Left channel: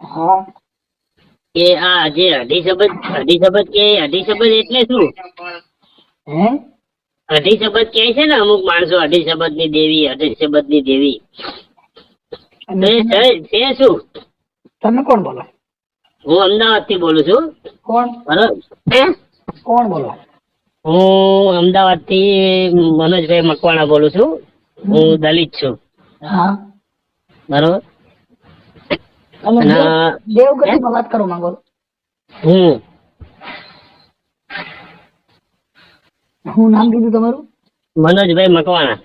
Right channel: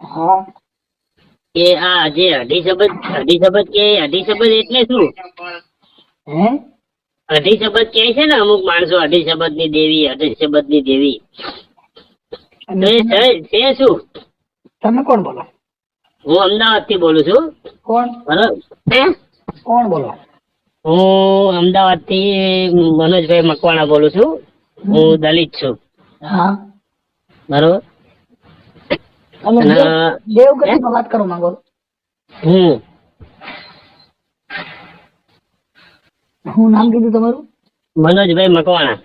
હા કે આ જે અઢી શબ્દ કે અઢી શબ્દ એટલે શું? હે અઢી શબ્દ કહે છે ને અમુક માણસો, અઢી શબ્દ ની દેવી, અઢી શબ્દ ની દેવી. તો અને એ છે શું? તમે કોણ બોલો? હું અમદાવાદ થી બોલું છું. કોણ બરાબર હે? કોણ બોલો? હું અમદાવાદ થી મનોજભાઈ મકવાણા બોલું છું. હું દલિત છું. હા બરોબર. અને અને દેવગતિ માં વાત કરો માંગો? હું શું નામ કીધું તમારું? મનોજભાઈ મકવાણા.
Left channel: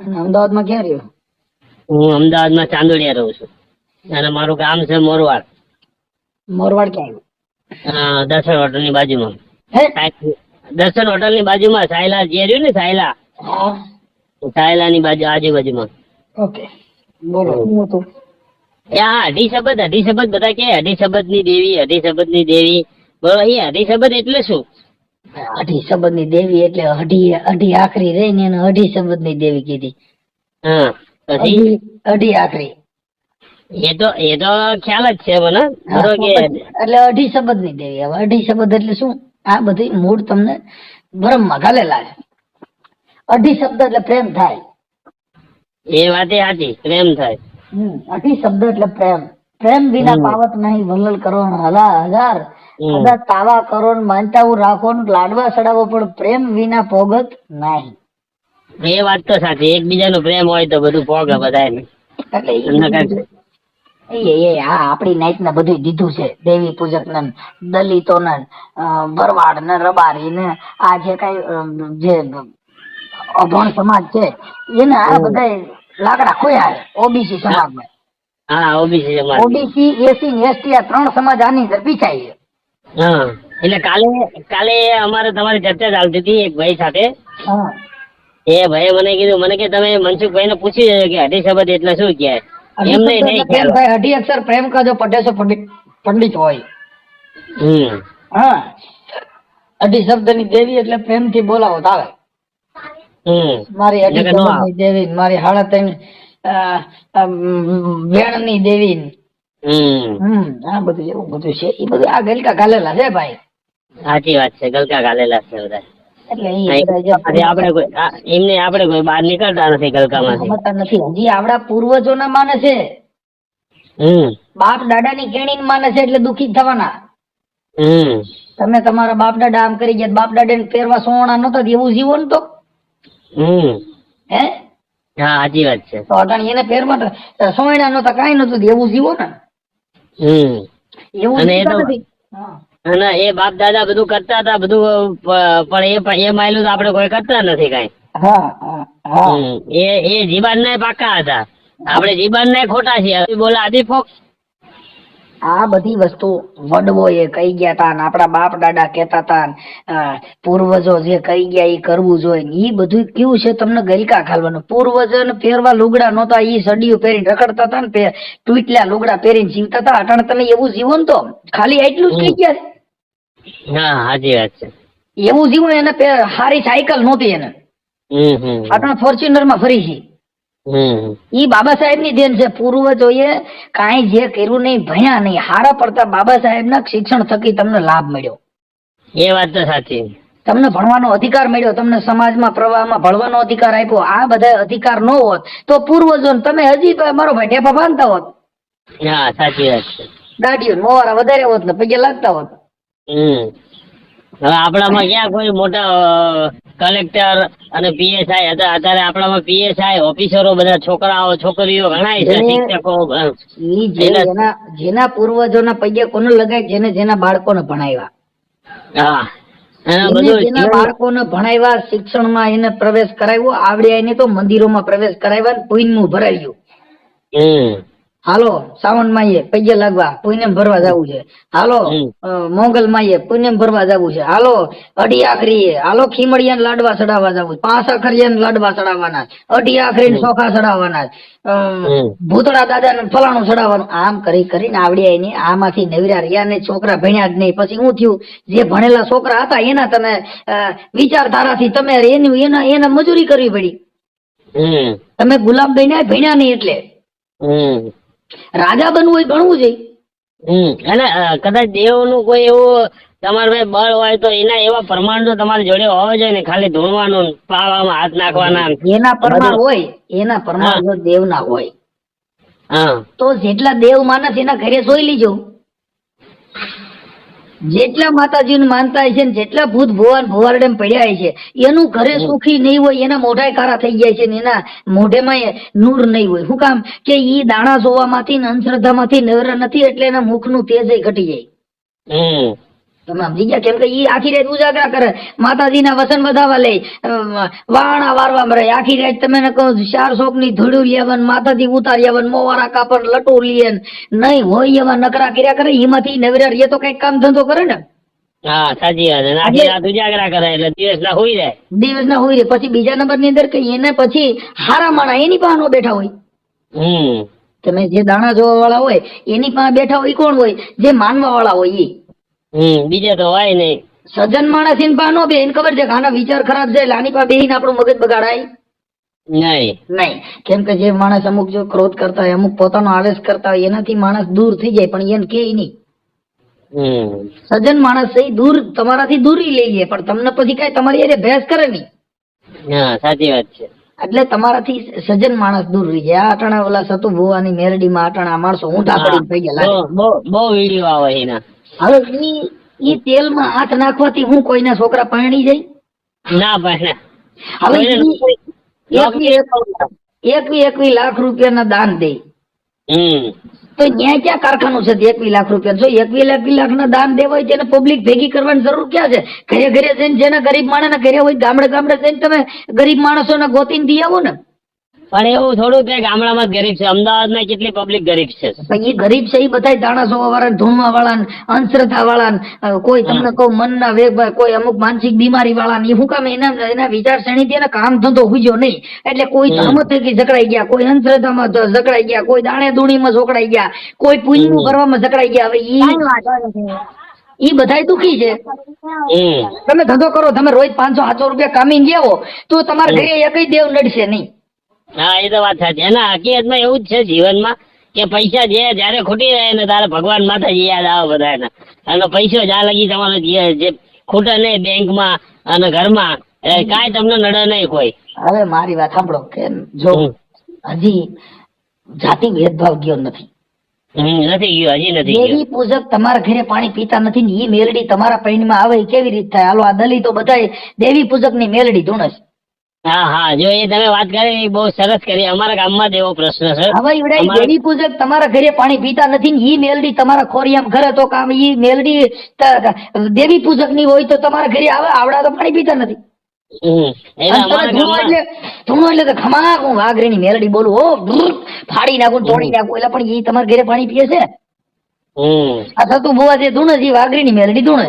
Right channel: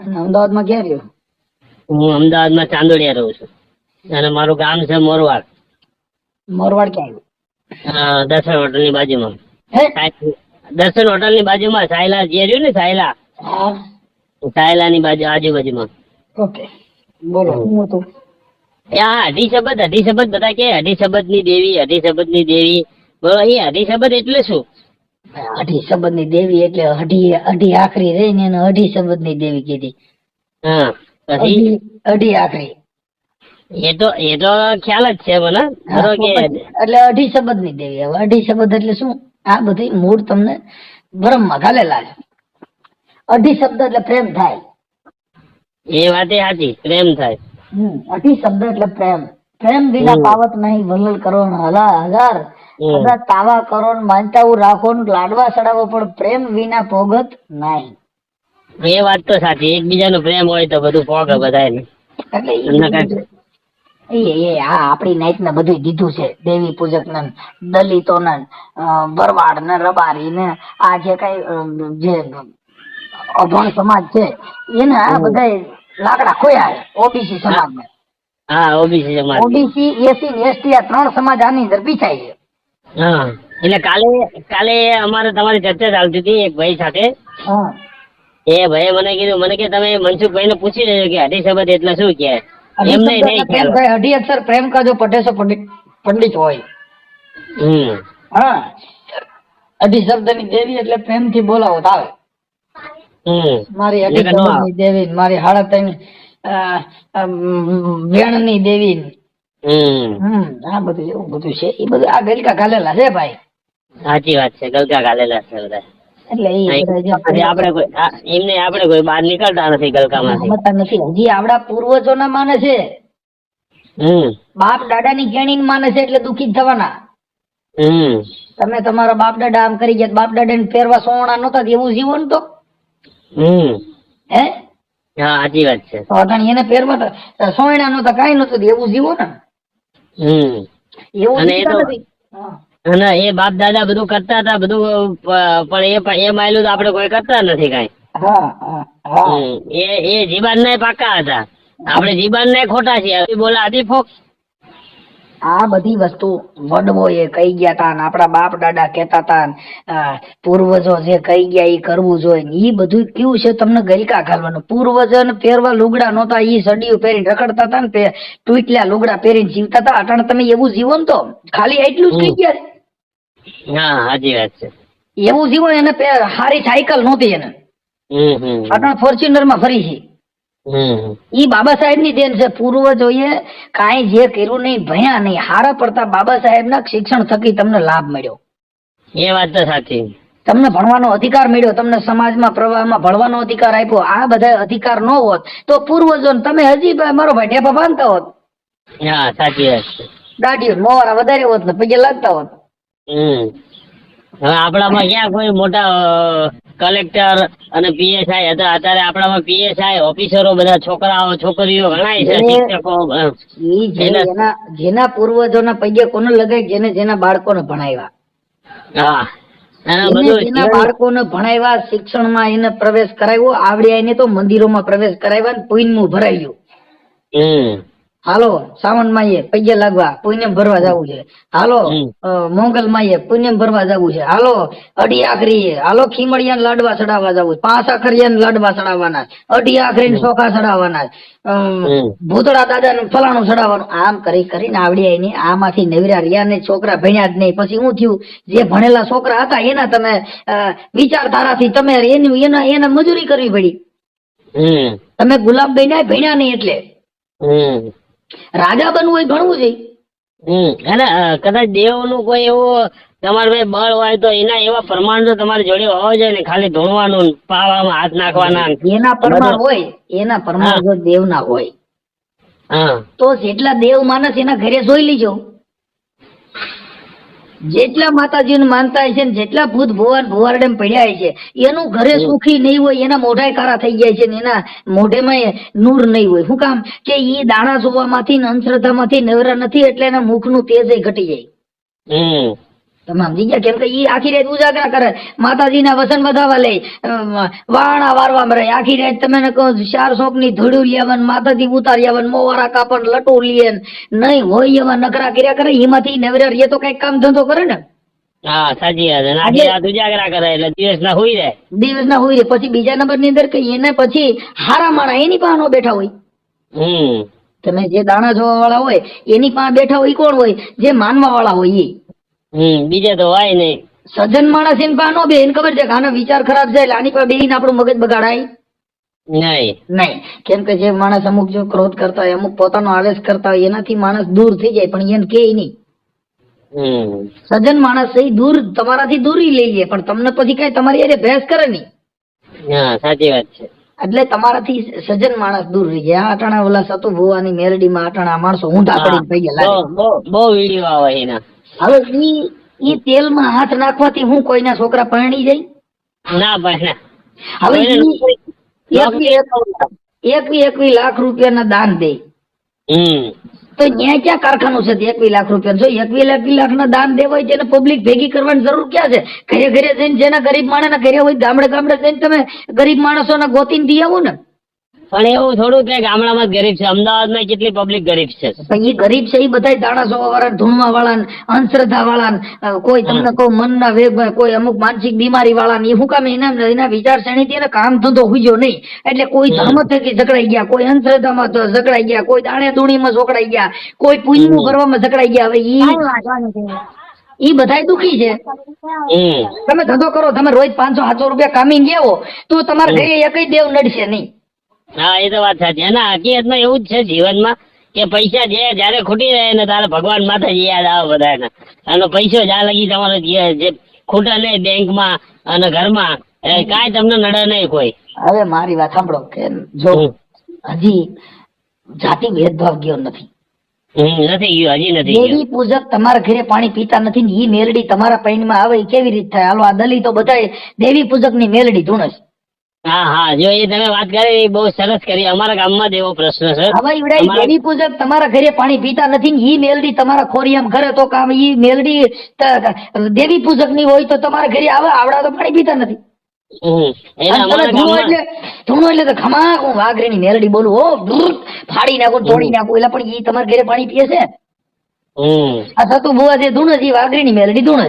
અને અમદાવાદમાં ક્યાં રહ્યો? હું અમદાવાદમાં ચાંદોડિયા રહું છું અને મારું ગામ છે મોરવાડ. મોરવાડ ક્યાં દર્શન હોટલ ની બાજુમાં. આવ્યું? દર્શન હોટલ ની બાજુમાં સાયલા જે રહ્યું ને, સાયલા હે સાયલા ની બાજુ આજુબાજુમાં. ઓકે બોલો શું હતું? અઢી શબ્દ બધા કે અઢી શબ્દ ની દેવી, અઢી શબ્દ ની દેવી. બરોબર. એ અઢી શબ્દ એટલે શું? અઢી શબ્દ ની દેવી એટલે અઢી આખરી રહી ને એને અઢી શબ્દ ની દેવી કીધી. હા પછી અઢી આખરી એ તો ખ્યાલ જ છે મને. બરોબર કે એટલે અઢી શબ્દ ની દેવી. હવે અઢી શબ્દ એટલે શું? આ બધી મૂળ તમને બ્રહ્મમાં ઘાલેલા છે. અઢી શબ્દ એટલે પ્રેમ થાય. એ વાતે સાચી, પ્રેમ થાય. અઢી શબ્દ એટલે પ્રેમ. પ્રેમ વિના પાવત નહીં વલ્લલ કરો હજાર સદા તાવા કરો માનતાવું રાખો લાડવા ચડાવો, પણ પ્રેમ વિના પોગત નહીં. એ વાત તો સાચી. એકબીજાનો પ્રેમ હોય તો બધું પોગે બધાને. આ આપડી નાઈટ ને બધું દીધું છે. દેવી પૂજક ને, દલિતો ને, ભરવાડ ને, રબારી ને, આ જે કઈ જે અભણ સમાજ છે એને આ બધા લાકડા ખોયા છે. ઓબીસી સમાજ ને, હા ઓબીસી સમાજ, ઓબીસી એસી ને એસટી આ ત્રણ સમાજ આની અંદર પીછાય છે. હા એટલે કાલે અમારે તમારી ચર્ચા ચાલતી હતી એક ભાઈ સાથે. એ ભાઈ મને કીધું, મને કે તમે મનસુખભાઈ ને પૂછી લેજો કે અઢી શબ્દ એટલે શું કે. એમને નહીં ખ્યાલ. અઢી અક્ષર પ્રેમ કા જો પટેસો પંડિત હોય. હા અઢી શબ્દ ની દેવી એટલે પ્રેમ થી બોલાવો આવે. મારી અઢી શબ્દ ની દેવી, મારી હાડા ત્રણ વેણ ની દેવી. આ બધું એવું બધું છે. એ બધું આ ગલકા ઘાલેલા છે ભાઈ. સાચી વાત છે. ગલકા ઘાલેલા છે બધા. એટલે આપણે કોઈ બહાર નીકળતા નથી ગલકામાંથી. નથી. હજી આપડા પૂર્વજો ના માને છે. બાપ દાદા ની કેણી માને છે એટલે દુખી થવાના. તમે તમારા બાપ દાદા આમ કરી ગયા, બાપ દાદા ને પહેરવા સોના નતા એવું જીવો ને તો હે સાચી વાત છે. તો એને પહેરવા સોયણા નતા કઈ નતું એવું જીવો ને. એવું નથી. અને એ બાપ દાદા બધું કરતા હતા બધું, પણ એ માયલું તો આપડે કોઈ કરતા નથી કઈ. એ જીબાન ને પાકા હતા. આપડે જીબાન ને ખોટા છીએ. બોલા આદિ ફોક્સ. આ બધી વસ્તુ વડવો એ કહી ગયા તા, આપડા બાપ દાદા કેતા તા, પૂર્વજો જે કહી ગયા એ કરવું જોઈએ. એ બધું કેવું છે તમને ગલકા ઘાલવાનું. પૂર્વજો ને પહેરવા લુગડા નહોતા, ઈ સડીયું પહેરીને રખડતા હતા ને, ટૂટલા લુગડા પહેરીને જીવતા હતા. અટાણે તમે એવું જીવો ને તો ખાલી એટલું જ કહી ગયા. હા સાચી વાત છે. એવું જીવો એને સારી સાયકલ નહોતી એને. અટાણે ફોર્ચ્યુનર માં ફરી છે. ઈ બાબા સાહેબ ની દેન છે. પૂર્વજોએ કાંઈ જે કર્યું નહીં, ભણ્યા નહીં, હારા પડતા બાબા સાહેબ ના શિક્ષણ થકી તમને લાભ મળ્યો. એ વાત તો સાચી. તમને ભણવાનો અધિકાર મળ્યો, તમને સમાજમાં પ્રવાહમાં ભણવાનો અધિકાર આપ્યો. આ બધા અધિકાર ન હોત તો પૂર્વજો તમે હજી મારો ભાઈ ઠેપા બાંધતા હોત. હા સાચી વાત છે. દાઢીઓ મોરા વધારે હોત ને પગે લાગતા હોત. હવે આપણામાં ક્યાં કોઈ મોટા કલેક્ટર અને પીએસઆઈ હતા. અત્યારે આપણામાં પીએસઆઈ ઓફિસરો બધા છોકરાઓ છોકરીઓ ઘણા છે, શિક્ષકો. જેના પૂર્વજોના પગે કોને લગાય, જેના બાળકોને ભણાવ્યા. જેના બાળકોને ભણાવ્યા, શિક્ષણમાં એને પ્રવેશ કરાવ્યો, આવડ્યા એને તો મંદિરોમાં પ્રવેશ કરાવ્યા, પુણ્યનું ભરાવ્યું. હાલો સાવન માઈએ પગે લાગવા પુણ્યમ ભરવા જવું છે. હાલો મોંગલ માઈએ પુણ્યમ ભરવા જવું છે. હાલો અઢી આખરી, હાલો ખીમડિયા લાડવા ચડાવવા જવું, 5 આખરિયા લાડવા ચડાવવાના, અઢી આખરી ચોખા ચડાવવાના, ભૂતળા દાદા ને ફલાણું ચડાવવાનું. આમ કરી કરીને આવડ્યા એની. આમાંથી નવરા રહ્યા ને છોકરા ભણ્યા જ નહીં. પછી શું થયું? જે ભણેલા છોકરા હતા એના તમે વિચારધારાથી તમે એના મજૂરી કરવી પડી. તમે ગુલામ બન્યા ભણ્યા નહીં એટલે. રાજા બનવું એ ભણવું જોઈએ. અને કદાચ દેવ નું કોઈ એવું તમારે ભાઈ બળ હોય તો એના એવા પ્રમાણ તો તમારી જોડે હોવા જોઈએ ને, ખાલી ધૂણવાનું પાવામાં હાથ નાખવાના. એના પ્રમાણ હોય, એના પ્રમાણ જો દેવ ના હોય તો જેટલા દેવ માનસ એના ઘરે જોઈ લીજો, જેટલા માતાજી માનતા હોય છે ને જેટલા ભૂત ભુવન ભુવારડે પડ્યા હોય છે એનું ઘરે સુખી નહીં હોય, એના મોઢાય કારા થઈ જાય છે ને એના મોઢેમાં નૂર નહીં હોય. શું કામ કે ઈ દાણા જોવામાંથી ને અંધશ્રદ્ધામાંથી નવરા નથી એટલે એના મુખનું તેજ ઘટી જાય. તમે સમજી ગયા? કેમ કે ઈ આખી રાત ઉજાગરા કરે, માતાજીના વસન વધાવા લે, વાણા વારવા મરે આખી રાત. તમે કહું 4 શોક ની ધોડું લેવન, માતાજી ઉતારી આવન, મોવારા કાપન, લટો લેન, નહીં હોય એવા નકરા કર્યા કરે. એમાંથી નવરા એ તો કઈક કામ ધંધો કરે ને. હા સાચી વાત. આખી રાત ઉજાગરા કરે એટલે દિવસ ના હોય રહે, દિવસ ના હોય રે. પછી બીજા નંબર ની અંદર કે એને પછી હારા માણા એની પાસે નો બેઠા હોય. તમે જે દાણા જોવા વાળા હોય એની પાસે બેઠા હોય કોણ હોય? જે માનવા વાળા હોય એ. બીજા તો હોય નહીં. સજ્જન માણસ એની પાસે નો બે, એને ખબર છે કે આના વિચાર ખરાબ છે એટલે આની પાસે બેહીને આપણું મગજ બગાડાય નહીં. કેમ કે જે માણસ અમુક જો ક્રોધ કરતા હોય, અમુક પોતાનો આવેશ કરતા હોય, એનાથી માણસ દૂર થઈ જાય પણ એને કે નહીં. સજ્જન માણસ એ દૂર તમારાથી દૂરી લઈ લે પણ તમને પછી કઈ તમારી અરે ભેંસ કરે નહીં. સાચી વાત છે. એટલે તમારાથી સજ્જન માણસ દૂર રહી જાય. આ અટાણા ઓલા સતુ ભુવાની મેલડીમાં અટાણા માણસો ઊંધા પડી થઈ ગયા. બહુ વિડીયો આવે એના. હવે ઈ તેલમાં હાથ નાખવાથી હું કોઈના છોકરા પરણી જાય? ના પરણે. હવે 21 લાખ રૂપિયાના દાન દે તો ત્યાં ક્યાં કારખાનું છે? 21 લાખ રૂપિયા જો 21 લાખ ના દાન દેવા હોય તેને પબ્લિક ભેગી કરવાની જરૂર ક્યાં છે? ઘરે ઘરે જઈને જેના ગરીબ માણસ ઘરે હોય ગામડે ગામડે જઈને તમે ગરીબ માણસોને ગોતીને દી આવો ને. પણ એવું થોડું કે ગામડામાં જ ગરીબ છે, અમદાવાદમાં કેટલી પબ્લિક ગરીબ છે. એ ગરીબ છે એ બધા દાણા જોવા વાળા, ધૂણવા વાળા, અંધશ્રદ્ધા વાળા, કોઈ તમને કહું મનના વેગ, કોઈ અમુક માનસિક બીમારી વાળા, એ શું કામ એના વિચાર શ્રેણીથી એને કામ ધંધો હુજ્યો નહીં. એટલે કોઈ ધર્મ થકી ઝઘડાઈ ગયા, કોઈ અંધશ્રદ્ધામાં ઝઘડાઈ ગયા, કોઈ દાણે દૂણીમાં ઝઘડાઈ ગયા, કોઈ પુણ્યનું કરવામાં ઝઘડાઈ ગયા. હવે ઈ બધા દુખી છે. તમે ધંધો કરો, તમે રોજ 500-700 રૂપિયા કામીને લેવો તો તમારા ઘરે એકય દેવ નડશે નહીં. હા એ તો વાત સાચી. એના હકીકતમાં એવું જ છે જીવનમાં કે પૈસા જયારે ખૂટી રહે ને તારે ભગવાન માતાજી યાદ આવે બધાને. અને પૈસો જ્યાં લગી તમારે જે ખૂટે નહીં બેંકમાં અને ઘરમાં કાંઈ તમને નડે નહીં કોઈ. હવે મારી વાત સાંભળો કે જો હજી જાતિ ભેદભાવ ગયો નથી. નથી ગયો, હજી નથી. દેવી પૂજક તમારા ઘરે પાણી પીતા નથી ને ઈ મેલડી તમારા પૈણમાં આવે કેવી રીતે થાય? હાલો આ દલિતો બધા દેવી પૂજક ની મેલડી ધૂણે છે. હા જો એ તમે વાત કરી બહુ સરસ કરી. અમારા ગામમાં એવો પ્રશ્ન છે. હવે દેવી પૂજક તમારા ઘરે પાણી પીતા નથી ને ઈ મેલડી તમારા ખોરિયામ ઘરે તો કામ ઈ મેલડી દેવી પૂજક ની હોય તો તમારા ઘરે આવડા તો પાણી પીતા નથી. ધૂણો એટલે ખમા હું વાઘરી ની મેલડી બોલું હો ફાડી નાખું તોડી નાખું એટલે પણ ઈ તમારા ઘરે પાણી પીએ છે. આ થતું બુઆ જે ધૂણે છે વાઘરી ની મેલડી ધૂણે.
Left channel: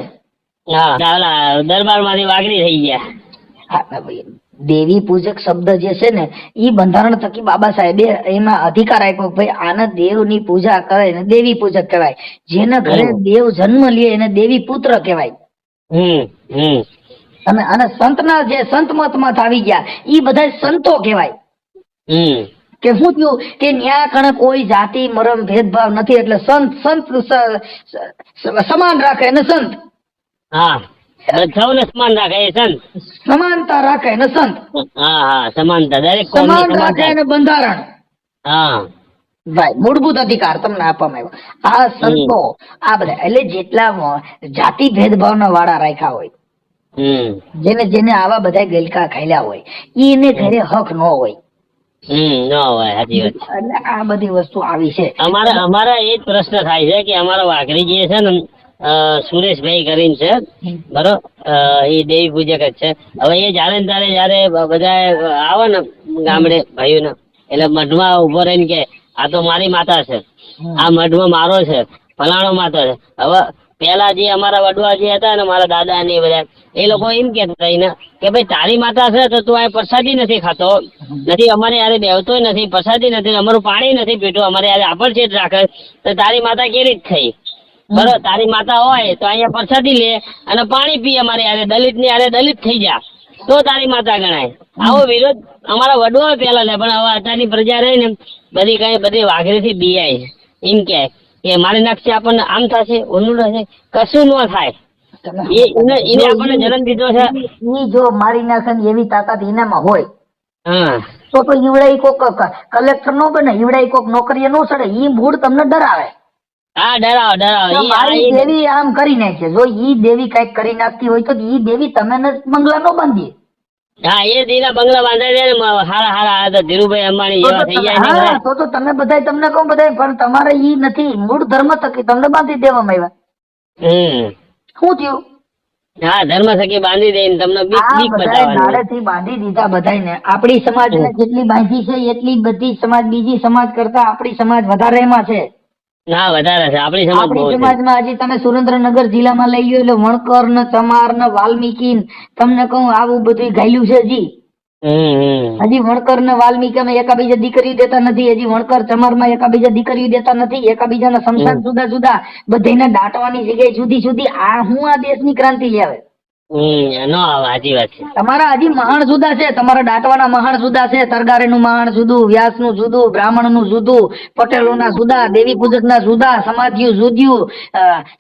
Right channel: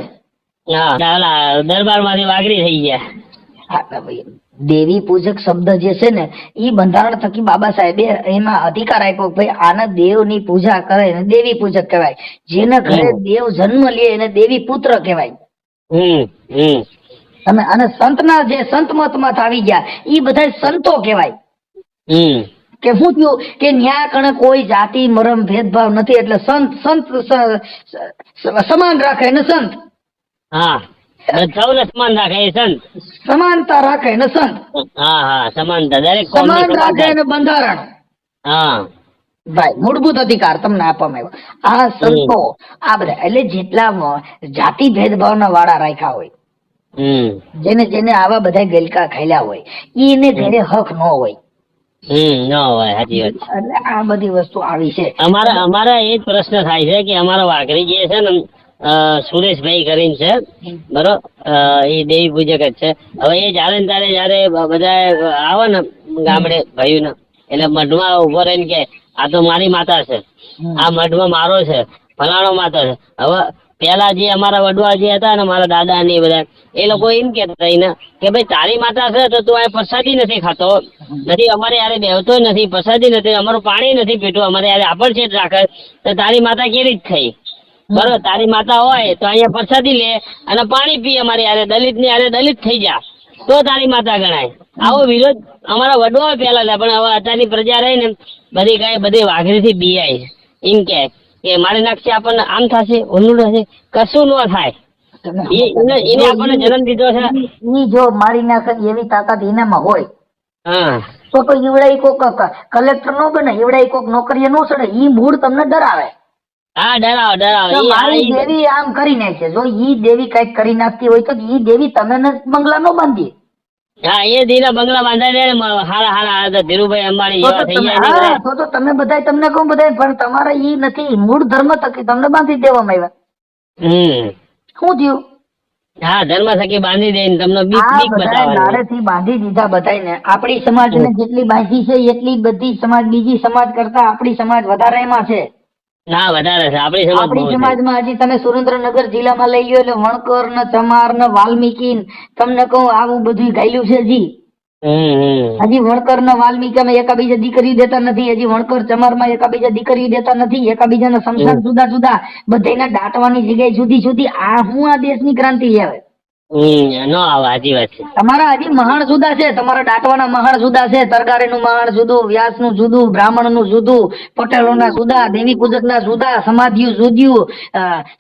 દરબાર માંથી વાઘરી થઈ ગયા. દેવી પૂજક શબ્દ જે છે ને ઈ બંધારણ થકી બાબા સાહેબે એમાં અધિકાર આપ્યો ભાઈ આના દેવ ની પૂજા કરે ને દેવી પૂજક કહેવાય. જેના ઘરે દેવ જન્મ લે એને દેવી પુત્ર કહેવાય. અને સંતના જે સંત મતમાં આવી ગયા ઈ બધા સંતો કહેવાય. કે શું થયું કે ન્યા કણે કોઈ જાતિ મરણ ભેદભાવ નથી એટલે સંત સમાન રાખે ને સંત. સૌને સમાન રાખે એ સંત. સમાનતા રાખે ને સંત. સમાનતા દરેક સમાન રાખે ને બંધારણ. ભાઈ મૂળભૂત અધિકાર તમને આપવામાં આવ્યો. આ સંતો આ બધા એટલે જેટલા જાતિ ભેદભાવના વાળા રાખ્યા હોય, જેને આવા બધા ગલકા ખાયલા હોય એને ઘરે હક ન હોય. એટલે આ બધી વસ્તુ આવી છે. અમારા એ જ પ્રશ્ન થાય છે કે અમારા વાઘરી જે છે ને સુરેશભાઈ કરીને છે બરોબર, એ દેવી પૂજક જ છે. હવે એ જયારે ને ત્યારે બધા આવે ને ગામડે ભાઈ ને એટલે મઢમાં ઉભો રહીને કે આ તો મારી માતા છે, આ મઢમાં મારો છે, ફલાણો માતા છે. હવે પેલા જે અમારા વડવા જે હતા ને મારા દાદા ને બધા એ લોકો એમ કેતા હતા કે ભાઈ તારી માતા છે તો તું આ પ્રસાદી નથી ખાતો, નથી અમારે યારે બેવતો નથી, પ્રસાદી નથી, અમારું પાણી નથી પીતું, અમારે યારે આપણ છે રાખે તો તારી માતા કેવી રીત થઈ? બરોબર, તારી માતા હોય તો અહીંયા પ્રસાદી લે અને પાણી પી, અમારે યારે દલિત ની યારે દલિત થઈ જા તો તારી માતા ગણાય. આવો વિરોધ અમારા વડવા પેલા હતા પણ હવે અત્યારની પ્રજા રહી ને બધી વાઘરી થી બીઆઈ એમ કે કે મારી નાખશે આપણને આમ થશે ઓલું થશે, કશું ન થાય. એને આપણને જન્મ દીધો છે. ઈ જો મારી નાખે ને એવી તાકાત એનામાં હોય હા તો ઈવડે કોક કલેક્ટર નો બને, ઈવડે કોક નોકરીએ નો ચડે. ઈ મૂળ તમને ડરાવે. હા ડરાવો તો મારી દેવી આમ કરી નાખે. જો ઈ દેવી કઈક કરી નાખતી હોય તો ઈ દેવી તમે બંગલા નો બાંધી. હા એ દીના બંગલા બાંધાઈ દે ને હારા હારા ધીરુભાઈ અંબાણી જેવા થઈ જાય. તો તમે બધા તમને કહું બધા, પણ તમારે ઈ નથી. મૂળ ધર્મ થકી તમને બાંધી દેવામાં આવ્યા. શું થયું? હા ધર્મ થકી બાંધી દે તમને બીક બતાવવાની. નાળેથી બાંધી દીધા બધાને. આપણી સમાજને જેટલી બાંધી છે એટલી બધી સમાજ બીજી સમાજ કરતા આપણી સમાજ વધારે એમાં છે. ના વધારે છે આપણી સમાજમાં. હજી તમે સુરેન્દ્રનગર જિલ્લામાં લઈ લો એટલે વણકર ને ચમાર ને વાલ્મીકી તમને કહું આવું બધું ગાયલું છે. હજી વણકર ને વાલ્મીકી એકાબીજા દીકરી દેતા નથી. હજી વણકર ચમાર માં એકાબીજા દીકરી દેતા નથી. એકાબીજાના સંસાર જુદા જુદા, બધાને દાટવાની જગ્યાએ જુદી જુદી. આ હું આ દેશની ક્રાંતિ આવે. સાચી વાત છે. તમારા હજી મહાણ જુદા છે. તમારા દાટવાના મહાણ જુદા છે. તરગારે નું મહાણ જુદું, વ્યાસ નું જુદું, બ્રાહ્મણ નું જુદું, પટેલો ના જુદા, દેવી પૂજક ના જુદા, સમાધિઓ જુદું,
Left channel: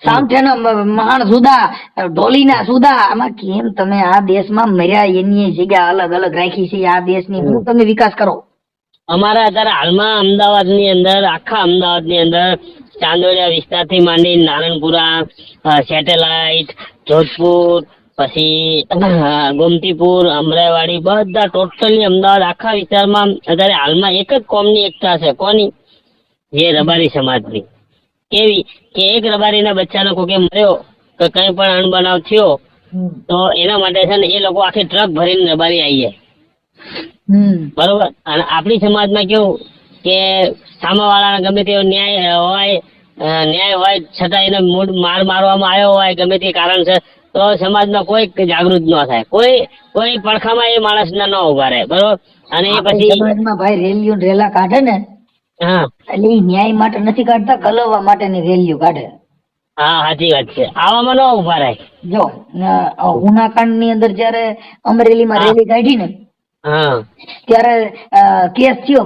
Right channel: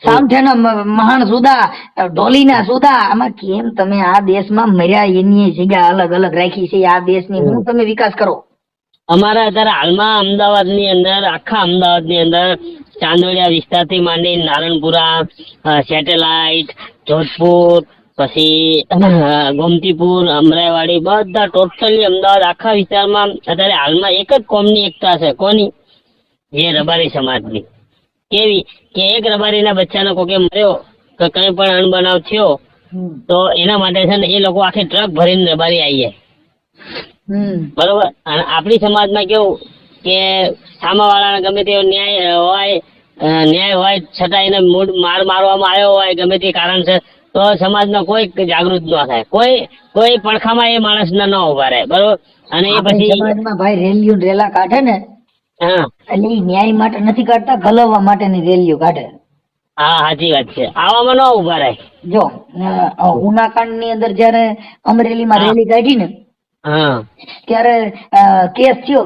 સામઠે ના મહાણ જુદા, ઢોલી ના જુદા. આમાં કેમ તમે આ દેશમાં મર્યા એની જગ્યા અલગ અલગ રાખી છે? આ દેશની હું તમે વિકાસ કરો. અમારે અત્યારે હાલમાં અમદાવાદ ની અંદર, આખા અમદાવાદ ની અંદર ચાંદોડિયા વિસ્તાર થી માંડી નારણપુરા, સેટેલાઇટ, જોધપુર, પછી ગોમતીપુર, અમરાઈવાડી, બધા ટોટલી અમદાવાદ આખા વિસ્તારમાં અત્યારે હાલમાં એક જ કોમની એકતા છે. કોની? એ રબારી સમાજની. કેવી કે એક રબારીના બચ્ચાનો કોઈ મર્યો કે કઈ પણ અણબનાવ થયો તો એના માટે છે ને એ લોકો આખી ટ્રક ભરીને રબારી આવી જાય. બરોબર. અને આપણી સમાજમાં કેવું કે સામાવાળાને ગમે તેવો ન્યાય હોય છતાં એને મૂળ માર મારવામાં આવ્યો હોય ગમે તે કારણ છે તો સમાજમાં કોઈ જાગૃત ન થાય. કોઈ પડખામાં એ માણસ ન ઉભા રહે. બરોબર. અને એ પછી સમાજમાં ભાઈ રેલીઓ રેલા કાઢે ને, એટલે એ ન્યાય માટે નથી કાઢતા, ગલવવા માટેની રેલીઓ કાઢે. હા સાચી વાત છે. આવામાં ન ઉભા રહે. જો ઉનાકાંડ ની અંદર જયારે અમરેલીમાં રેલી કાઢી ને ત્યારે કેસ થયો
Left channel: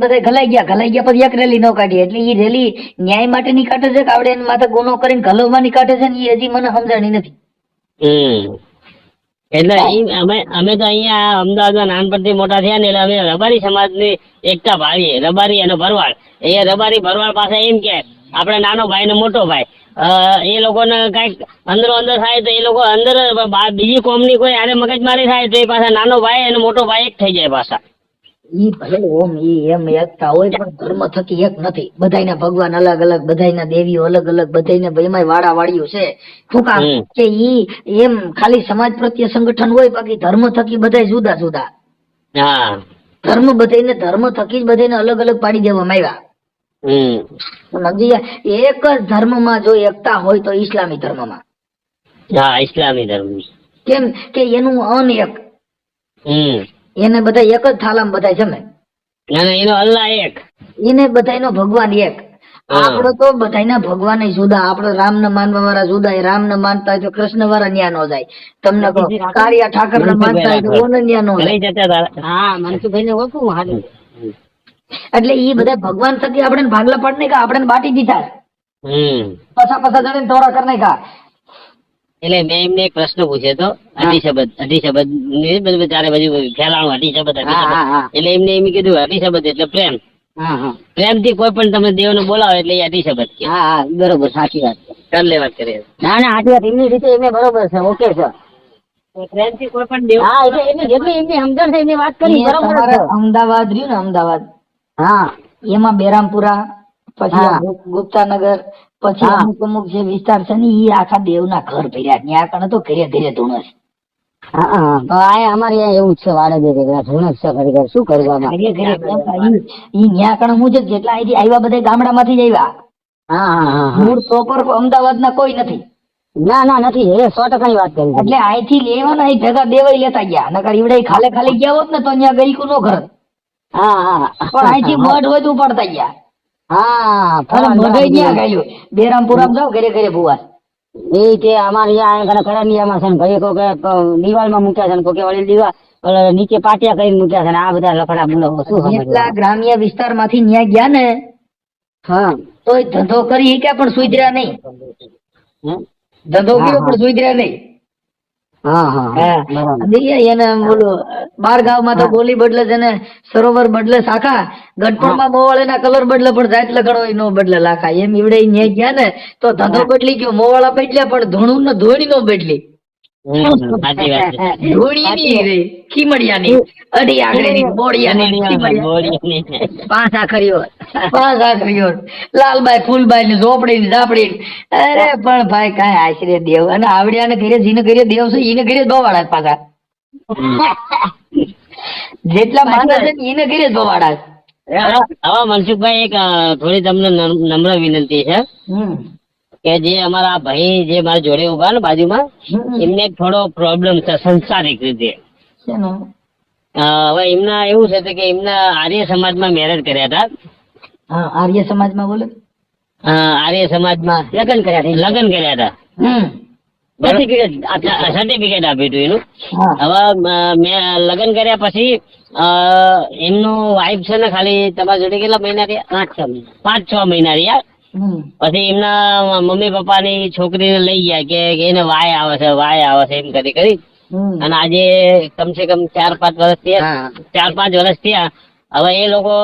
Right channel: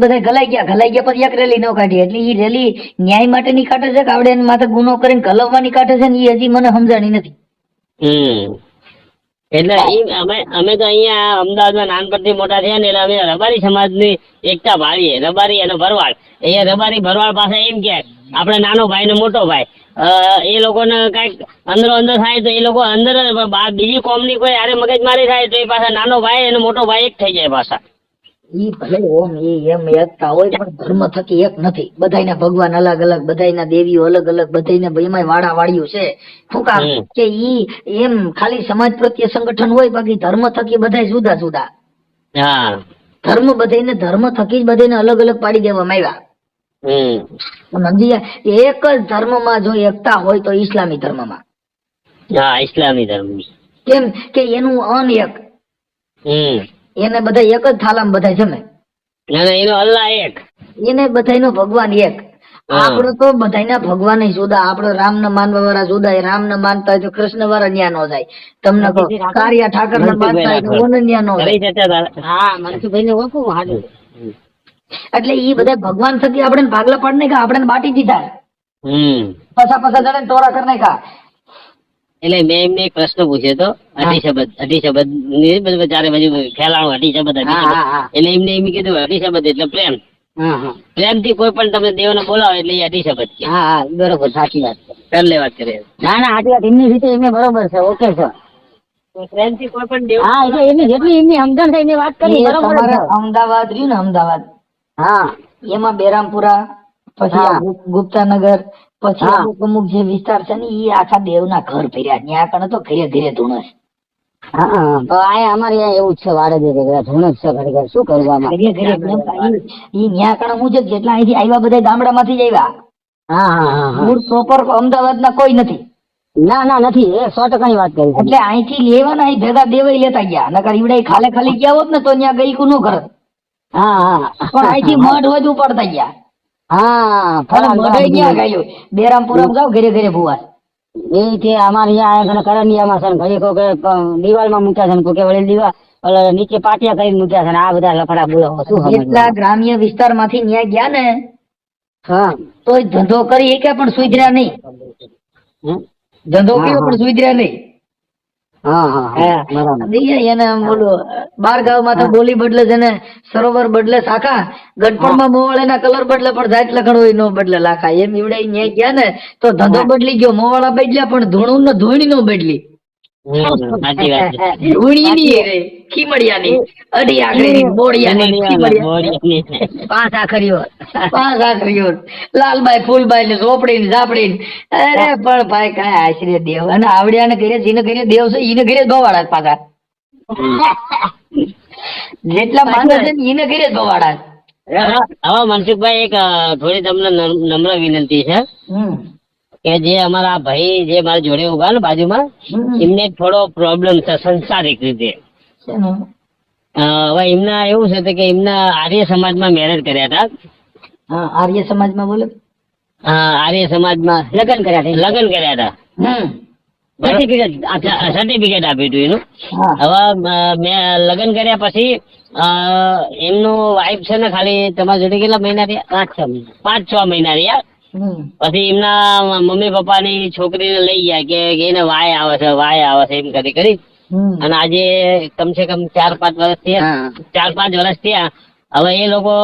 બધા ઘલાઈ ગયા પછી એક રેલી ન કાઢી. એટલે એ રેલી ન્યાય માટે ની કાઢે છે કે આવડે એની માથે ગુનો કરીને ગલવવાની કાઢે છે ને એ હજી મને સમજાણી નથી. એટલે અમે તો અહીંયા અમદાવાદમાં નાનપણથી મોટા થયા ને એટલે અમે રબારી સમાજની એકતા ભાવીએ. રબારી અને ભરવાડ. એ રબારી ભરવાડ પાસે એમ કે આપણે નાનો ભાઈ ને મોટો ભાઈ, એ લોકોને કઈક અંદરો અંદર થાય તો એ લોકો અંદર બીજી કોમની કોઈ આરે મગજમારી થાય તો એ પાછા નાનો ભાઈ અને મોટો ભાઈ એક થઈ જાય પાછા. ઈ ભલે ઓમ એમ એકતા હોય પણ ધર્મ થકી એક નથી. બધાના ભગવાન અલગ અલગ, બધાના દેવીઓ અલગ અલગ, બધાને એમાં વાડા વાળ્યું છે. શું કામ કે ઈ એમ ખાલી સમાજ પ્રત્યે સંગઠન હોય, બાકી ધર્મ થકી બધા જુદા જુદા. ધર્મ બધાને ધર્મ થકી જ બધાને અલગ અલગ પાડી દેવામાં આવ્યા. સમજી એક જ ધર્મમાં જો એકતા હોય તો ઇસ્લામી ધર્મમાં. ઇસ્લામી ધર્મ કેમ કે એનું અન એક, એને બધા એક જ થાલામાં બધા જમે, એનો અલ્લાહ એક, એને બધાનો ભગવાન એક. આપડે તો બધાના ભગવાન જુદા. આપડે રામ ને માનવા વાળા જુદા. રામ ને માનતા હોય તો કૃષ્ણ વાળા ન્યા નો જાય. તમને કાળિયા ઠાકર ને માનતા હોય તો ઓને ન્યા નો જાય. મનસુખભાઈ ને ઓળખું હાડું. એટલે એ બધા ભગવાન થકી આપણે ભાગલા પાડી નાખ્યા, આપણે બાટી દીધા. પછા જણે ટોરા કરી નાખ્યા. એટલે મેં એમને એક પ્રશ્ન પૂછ્યો હતો, અઢી ચારે બાજુ ફેલાણું અઢી શબ્દ. એટલે એમને એમ કીધું અઢી શબ્દ એટલે પ્રેમ. પ્રેમ થી કોઈ પણ તમે દેવ ને બોલાવો એટલે એ અઢી શબ્દ કે. બરોબર, સાચી વાત. કરલે વાત કરે. ના સાચી વાત. એમની રીતે એમને બરોબર છે. Okay sir. પ્રેમ થી કોઈ પણ દેવ. એટલે એમની જેટલી એમની સમજણ થાય એમની વાત કરી બરોબર. અમદાવાદ રહ્યું ને, અમદાવાદ એમાં બેરામપુરા, પછી ગુપ્તાનગર, પછી અમુક જે વિસ્તાર છે ને એ આખા દેવના ઘર ભર્યા. ત્યાં કણે તો ઘરે ઘરે ધૂણસ. તો અમારે એવું છે, વાડે ધૂણસ છે ખરેખર. શું કરવામાં ઈ ત્યાં કણે હું છે કેટલા અહીંથી આવ્યા, બધા ગામડા માંથી જ આવ્યા. મૂળ પ્રોપર અમદાવાદ ના કોઈ નથી. ના નથી. એ 100% વાત કરી. એટલે અહીંથી લેવાના અહીં ભેગા દેવાય લેતા ગયા. નકર ઈવડે ખાલે ગયા હોત ને તો ત્યાં ગઈકું નો ઘર. પણ અહીંથી મઢ વધુ પડતા ગયા. બેરામપુરા જાવ ઘરે ઘરે ભુવા. એ કે અમારે અહીંયા કરંડિયામાં છે ને ભાઈ કોઈ દિવાલમાં મૂક્યા છે ને કોઈ વળી દિવાલ નીચે પાટિયા કરીને મૂક્યા છે ને આ બધા લફડા બોલાવો. શું જેટલા ગ્રામ્ય વિસ્તાર માંથી ન્યાય ગયા ને હા તોય ધંધો કરી કે પણ સુધર્યા નહીં. ધંધો કર્યો પણ સુધર્યા નહીં. એને બોલું બાર ગામ માં તો બોલી બદલે છે ને સરોવર બદલે શાખા, ગઢપણ માં મોવાળે ના કલર બદલે પણ જાત લખણ હોય નો બદલે લાખા. એમ ઈવડે ન્યાય ગયા ને તો ધંધો બદલી ગયો, મોવાળા બદલ્યા પણ ધૂણું ને ધોણી નો બદલી. ધોણી ની રે ખીમડિયા ની, અઢી આખરી ની, બોડિયા ની, પાંચ આખરીઓ લાલબાઈ ફૂલબાઈ ને ઝોપડી ને ઝાપડી ને. અરે પણ ભાઈ કાંઈ આશરે દેવ અને આવડ્યા ને ઘરે જીને ઘરે દેવ છે ઈને ઘરે જ બવાડા પાછા. જેટલા માણસ છે ને ઈને ઘરે જ બવાડા. હવે મનસુખભાઈ એક થોડી તમને નમ્ર વિનંતી છે કે જે અમારા ભાઈ જે મારા જોડે ઉભા ને બાજુમાં, એમને થોડો પ્રોબ્લેમ છે સંસારિક રીતે. હવે એમના એવું છે કે એમના આર્ય સમાજમાં મેરેજ કર્યા હતા. આર્ય સમાજમાં બોલે? આર્ય સમાજમાં લગ્ન કર્યા હતા. સર્ટિફિકેટ આપ્યું હતું એનું. હવે મેં લગ્ન કર્યા પછી એમનો વાઇફ છે ને ખાલી તમારા જોડે કેટલા મહિના રહ્યા? 5-6 મહિના રહ્યા. પછી એમના મમ્મી પપ્પા ની છોકરીને લઈ ગયા કે એને વાય આવે છે એમ કરી અને આજે કમસે કમ 4-5 વર્ષ થયા. હવે એ લોકો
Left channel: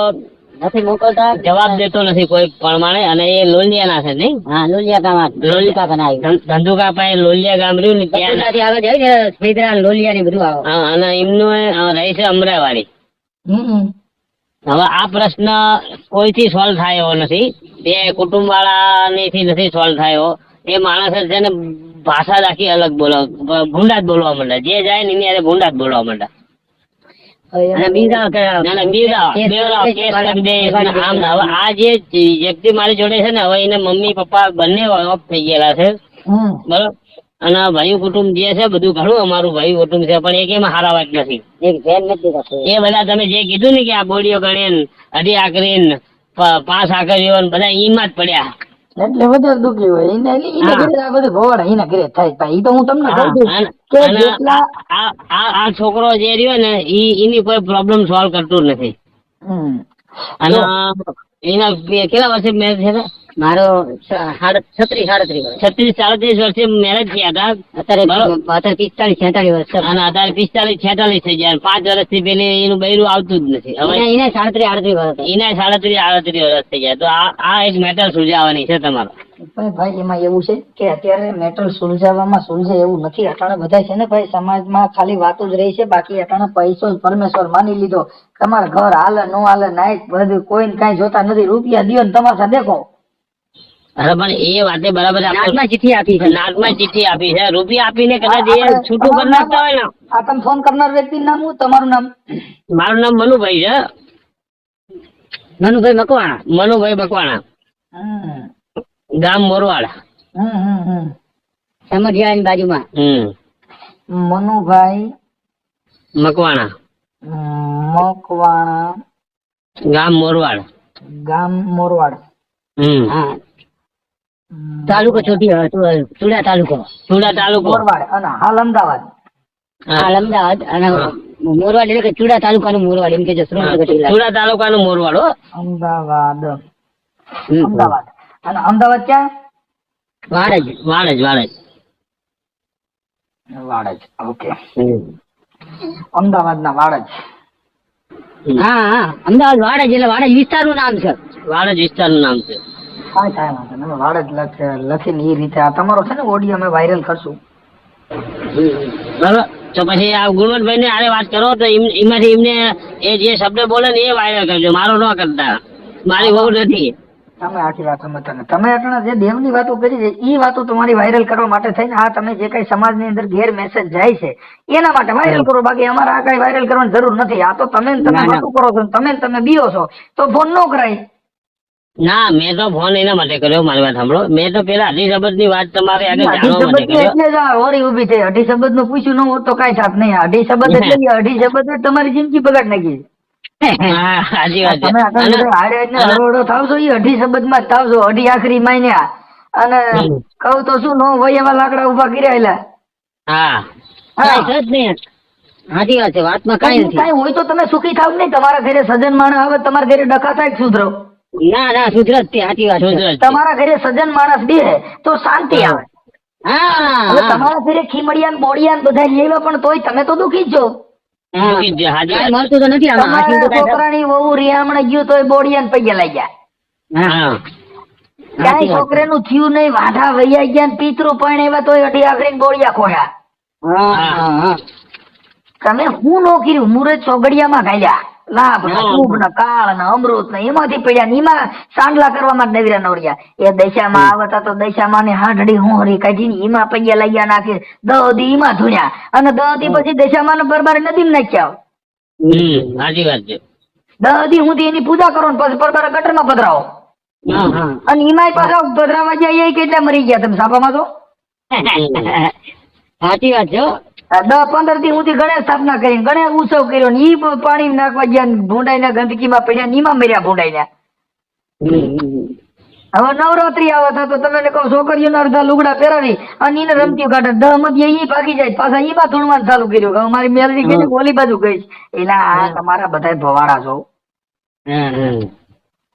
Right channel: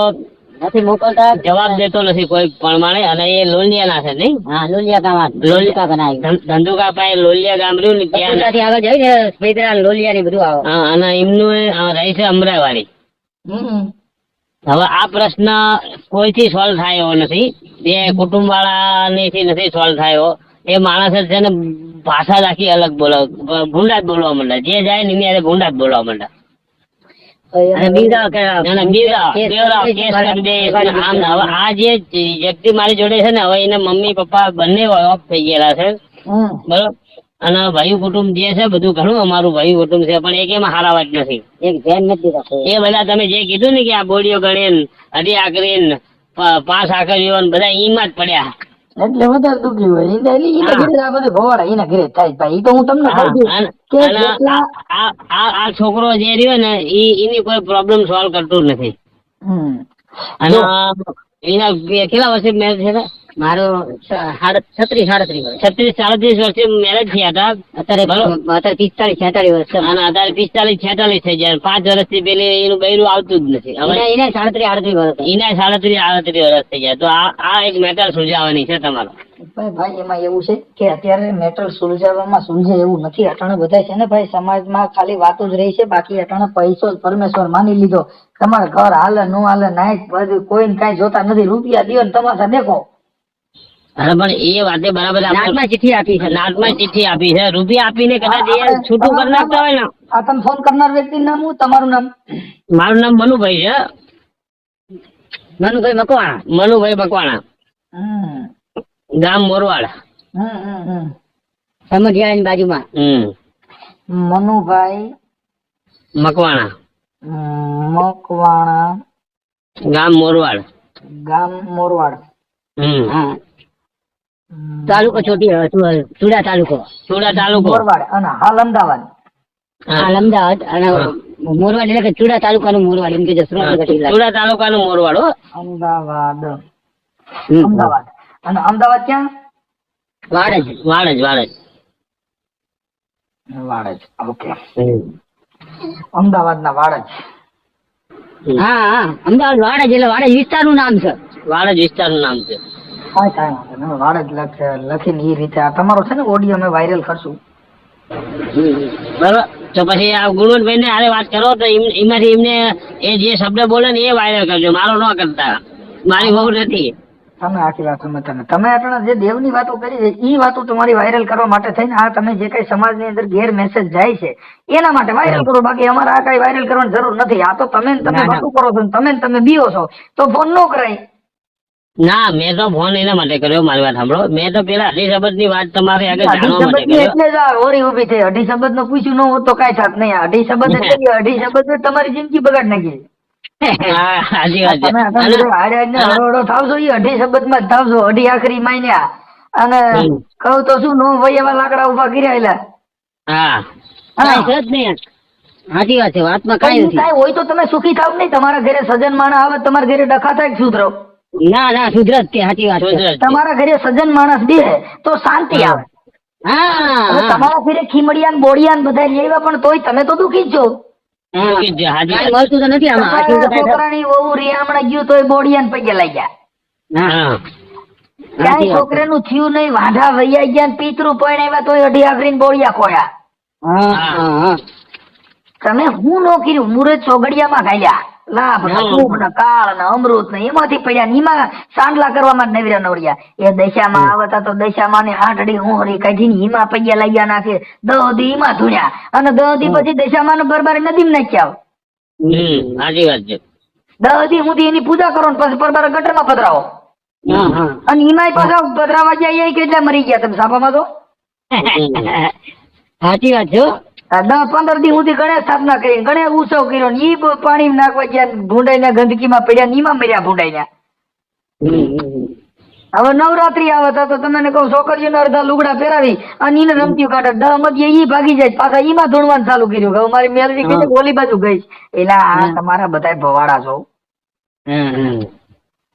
નથી મોકલતા, જવાબ દેતો નથી કોઈ પ્રમાણે. અને એ લોલિયા ના છે નહીં? ધંધુકા પાસે લોલિયા ગામ રહ્યું ને ત્યાં આગળ જાય ને લોલિયા ની બધું આવે. અને એમનું રહે છે અમરાવાડી. હવે આ પ્રશ્ન કોઈથી સોલ્વ થાય એવો નથી. એ કુટુંબ વાળા નથી સોલ્વ થયો. એ માણસ છે ને ભાષા રાખી અલગ બોલો, ભૂંડા જ બોલવા માંડે. જે જાય ને એની ભૂંડા જ બોલવા માંડે. આ જે વ્યક્તિ મારી જોડે છે ને, હવે એને મમ્મી પપ્પા બંને ઓફ થઈ ગયેલા છે, બરોબર. અને ભાઈ કુટુંબ જે છે બધું ઘણું અમારું ભાઈ કુટુંબ છે, પણ એક એમાં હારા વાત નથી. એ બધા તમે જે કીધું ને કે આ બોલીઓ ગણી અઢી આકરી 5 આકરીઓ બધા ઈમાં જ પડ્યા. એટલે વધારે દુઃખી હોય. બધું ભવાડા એના ઘરે થાય ભાઈ. તો હું તમને કહું છું કે આ છોકરો જે રહ્યો ને એની કોઈ પ્રોબ્લેમ સોલ્વ કરતું નથી. અને એના કેટલા વર્ષે મેરેજ થયા? મારો 36-37 વર્ષે મેરેજ થયા હતા. અત્યારે 45-46 વર્ષ અને અત્યારે 45-46 થઈ ગયા. 5 વર્ષથી પેલી એનું બૈરું આવતું જ નથી. હવે એને 37-38 વર્ષ થઈ ગયા. તો આ એક મેટર સુલઝાવવાની છે તમારો. ભાઈ એમાં એવું છે કે અત્યારે મેટર સુલઝાવવામાં સુલઝે એવું નથી. અટાણે બધા છે ને ભાઈ સમાજમાં ખાલી વાતો જ રહી છે. બાકી અટાણે પૈસો જ પરમેશ્વર માની લીધો. તમારે ઘર હાલે નો હાલે નાઈટ બધું કોઈને કઈ જોતા નથી. રૂપિયા દિયો ને તમાશા દેખો. અરે પણ એ વાતે બરાબર. નાટમાં ચિઠ્ઠી આપી છે. રૂપિયા આપીને કદાચ એ છૂટું કરી નાખતા હોય ને. આ તમે ફોન કરનાર વ્યક્તિ નામ શું? તમારું નામ? મારું નામ મનુભાઈ છે. મનુભાઈ મકવાણા. ગામ મોરવાડ. સમજ્યા બાજુમાં. મનુભાઈ મકવાણા ગામ મોરવાડ. તાલુકો ચુડા તાલુકો મોરવાડ અને હાલ અમદાવાદ. અને મોરવાડ એટલે કે ચુડા તાલુકાનું મોરવાડ એમ કે ચુડા તાલુકાનું મોરવાડ. અમદાવાદ. અને અમદાવાદ ક્યાં? વાડજ. ઓકે. અમદાવાદ ના વાડજ. અમદાવાદ વાડજ એટલે વાડજ વિસ્તારનું નામ છે. કાંઈ વાંધો નહીં. વાડજ લખીને એ રીતે આ તમારો છે ને ઓડિયો અમે વાયરલ કરશું. બરાબર. તો પછી આ ગુણવંતભાઈ ને આરે વાત કરો તો એમાંથી એમને એ જે શબ્દ બોલે ને એ વાયરલ કરજો. મારો ન કરતા. મારી બહુ નથી. તમે આખી વાત સમજતા ને તમે આપણા જે દેવની વાતો કરી છે એ વાતો તમારી વાયરલ કરવા માટે થઈને આ તમે જે કઈ સમાજની અંદર ગેર મેસેજ જાય છે એના માટે વાયરલ કરો. બાકી અમારે આ કઈ વાયરલ કરવાની જરૂર નથી. આ તો તમે વાતો કરો છો, તમે બીઓ છો તો ફોન ન કરાય. ના, મેં તો ફોન એના માટે કર્યો. મારી વાત સાંભળો. મેં તો પેલા અઢી શબ્દ ની વાત તમારે આગળ જાણવા માટે કર્યો. એટલે જ ઓરી ઉભી થઈ. અઢી શબ્દ નું પૂછ્યું ન હોત તો કઈ થાત નહીં. અઢી શબ્દ એટલે અઢી શબ્દ તમારી જિંદગી બગાડ નાખી. સાચી વાત છે. અઢી શબ્દ માં જ થાવશો. અઢી આખરી માન્યા અને કહું તો શું નો ભાઈ એવા લાકડા ઉભા કર્યા. સાચી વાત છે. વાતમાં કઈ હોય તો તમે સુખી થાવ નહીં. તમારા ઘરે સજન માણસ આવે, તમારા ઘરે ડખા થાય સુધરો. ના ના સુધરત તે સાચી વાત છે. સુધરત. તમારા ઘરે સજ્જન માણસ બે તો શાંતિ આવે. હા હવે તમારા ઘરે ખીમડિયા બોડિયા બધા લેવા પણ તોય તમે તો દુખી જ છો. હા. દુઃખી જ છે, હાજી કાંઈ વાત. મળતું તો નથી આમાં આખી તમારા તો કાંઈ છોકરાની વહુ રિયામણે ગયું તોય બોડિયા પૈયા લઈ ગયા. હા હા ક્યાંય સાચી વાત છે. છોકરાનું થયું નહીં, વાંઢા વૈયા ગયા ને પિતરું પરણ્યા તોય અઢી આખરીને બોડિયા ખોયા. હા હા તમે હું નો કર્યું, મુરત સોગડિયામાં ઘાલ્યા, લાભ ને હા. શુભ ને કાળ ને અમૃત ને એમાંથી પડ્યા ને એમાં સાંડલા કરવામાં જ નવર્યા નવર્યા. એ દશામાં આવતા તો દશામાં ને હાંડડી હોહરી કાઢી ને એમાં પૈયા લઈ નાખે, દહદી એમાં ધૂણ્યા અને દહદી પછી દશામાં ને બરબાર નદી નાખ્યા. સાચી વાત છે. દહદી સુધી એની પૂજા કરો ને પછી બરબાર ગટરમાં પધરાવો. હા હા અને એમાંય પાછા પધરાવા જાય એ કેટલા મરી ગયા તમે સાપામાં તો. સાચી વાત છે હો. 10-15 દી સુધી ગણેશ સ્થાપના કરી, ગણેશ ઉત્સવ કર્યો ને ઈ પાણી નાખવા ગયા ને ભૂંડાઈને ગંદકીમાં પડ્યા ને એમાં મર્યા ભૂંડાઈને. હવે નવરાત્રી આવતા તો તમને કહું છોકરીઓને અડધા લુગડા પહેરાવી અને એને રમતીઓ કાઢે, 10 મધ્ય ઈ ભાગી જાય, પાછા એમાં ધૂણવાનું ચાલુ કર્યું. હવે મારી મેલડી ગઈ છે ઓલી બાજુ ગઈ છે. એલા આ તમારા બધાય ભવાડા છો.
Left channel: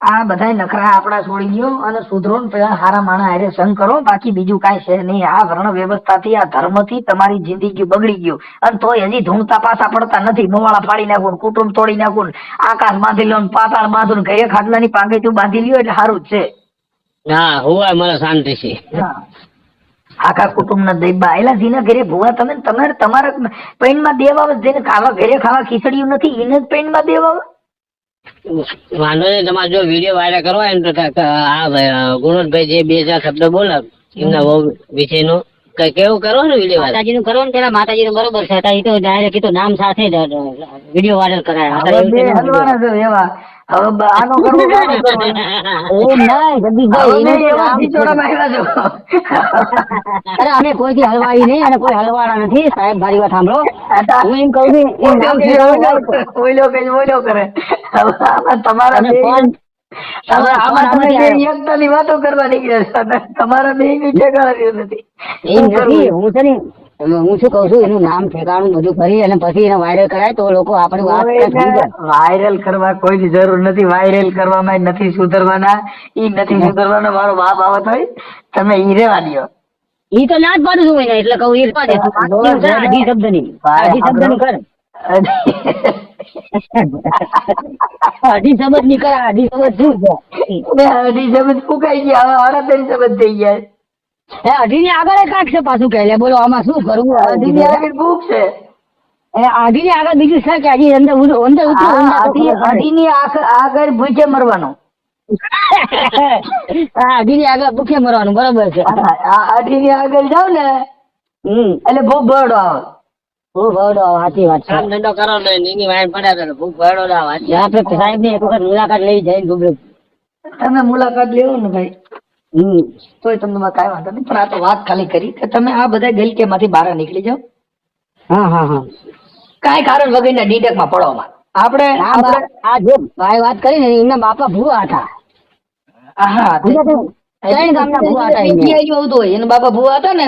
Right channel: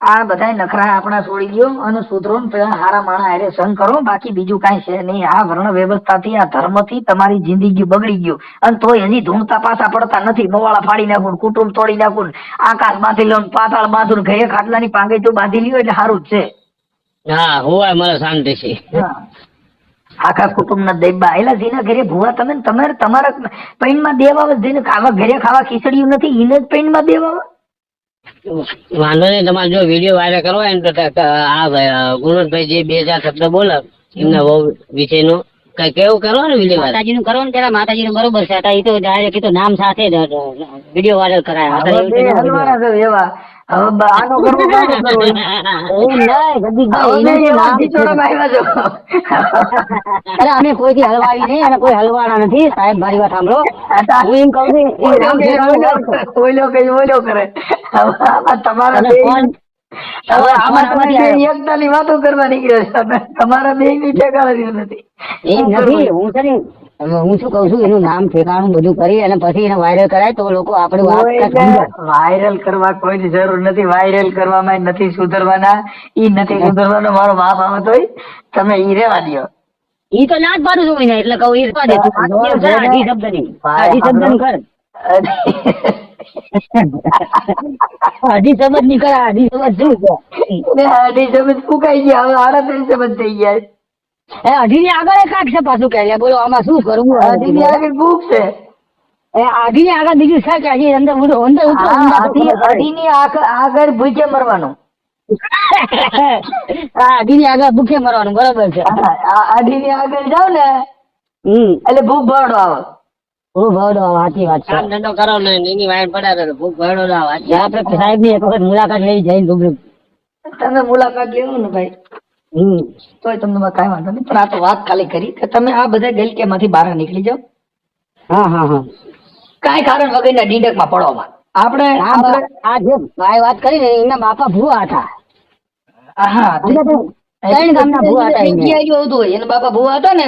આ બધાય નખરા આપણા છોડી દો અને સુધરો ને પેલા હારા માણા હારે સંગ કરો, બાકી બીજું કાંઈ છે નહીં. આ વર્ણ વ્યવસ્થાથી આ ધર્મથી તમારી જિંદગી બગડી ગયો અને તોય હજી ધૂણતા પાછા પડતા નથી. મોવાળા ફાડી નાખો, કુટુંબ તોડી નાખો, આકાશ બાંધી લો, પાતાળ બાંધો, ઘરે ખાટલાની પાંગીચું બાંધી લ્યો એટલે સારું જ છે. હા હોવા મને શાંતિ છે. આખા કુટુંબ ના દેબા એલા જેના ઘરે ભૂવા તમે ને તમારા પૈણમાં દેવા જેને ખાવા ઘરે ખાવા ખીચડ્યું નથી એને જ પૈણમાં દેવા. વાંધો નહીં, તમારે જો વિડીયો વાયરલ કરવો હોય ને તો આ ગુણોદભાઈ જે 2-4 શબ્દ બોલે એમના વહુ વિશેનો કેવું કરો ને વિડીયો વાયરલ. માતાજીનું કરો ને પેલા માતાજીનું બરોબર છે. એ તો ડાયરેક્ટ એ તો નામ સાથે જ વિડીયો વાયરલ કરાય. હવે આપણે બે એવું તો ન હલવાના છે એવા. હવે આનો કરવો કે આનો કરવો? એમ નહીં, હવે બે જગદીશભાઈ, એવા નામ છે. ખીચોડા પાડ્યા છો. અરે અમે કોઈથી હલવાવી નહીં અને કોઈ હલવાના નથી. સાહેબ મારી વાત સાંભળો. હું એમ કહું છું એ નામ છે ઓલો કરે. હવે આમાં તમારા બે હવે આમાં તમે બે એકતાની વાતો કરવા નીકળ્યા છો. તમારા બે નું ઠેકાણું નથી. એમ નથી. હું છે ને હું શું કઉ છું એનું નામ ઠેકાણું બધું કરી અને પછી એને વાયરલ કરાય તો લોકો આપણે વાત કંઈક સમજે. વાયરલ કરવા કોઈ જરૂર નથી. વાયરલ કરવામાં નથી સુધરવાના. ઈ નથી સુધરવાનો. મારો બાપ આવત હોય તમે ઈ રેવા દો. ઈ તો ના જ પાડું છું એને એટલે કહું એ જ પાડે. અઢી શબ્દની કર. અઢી શબ્દ ની કર. અઢી શબ્દ શું છે? અઢી શબ્દ ફૂંકાઈ ગયા. હવે 38 શબ્દ થઈ ગયા. હે અઢી ની આગળ કાંક છે પાછું કે બોલો આમાં શું કરવું? અઢી ની આગળ ભૂખ છે. અઢી ની આગળ બીજું છે કે હજી અંદર અઢી ની આગળ ભૂખે મરવાનો. અઢી ની આગળ ભૂખે મરવાનું બરોબર છે. અઢી ની આગળ જાવ ને એટલે ભૂખ ભરડો આવે. ભૂખ ભરડો આવે. સાચી વાત છે. કામ ધંધો કરો ને એની વાયર પડ્યા કરે ભૂખ ભરડો ના આવે. આપણે સાહેબ ની એક વખત મુલાકાત લઈ જઈને રૂબરૂ. તમે મુલાકાત લેવો ને ભાઈ તોય તમને કાંઈ વાંધો નહીં. પણ આ તો વાત ખાલી કરી કે તમે આ બધા ગલકે માંથી બહાર નીકળી જાઓ. હા હા હા. કાંઈ કારણ વગરના ડીંડકમાં પડવામાં આપણે આ જે ભાઈ વાત કરી ને એમના બાપા ભૂવા હતા. હા ત્રણ ગામના ભૂવા હતા એમને. આવતું હોય એના બાપા ભૂવા હતા ને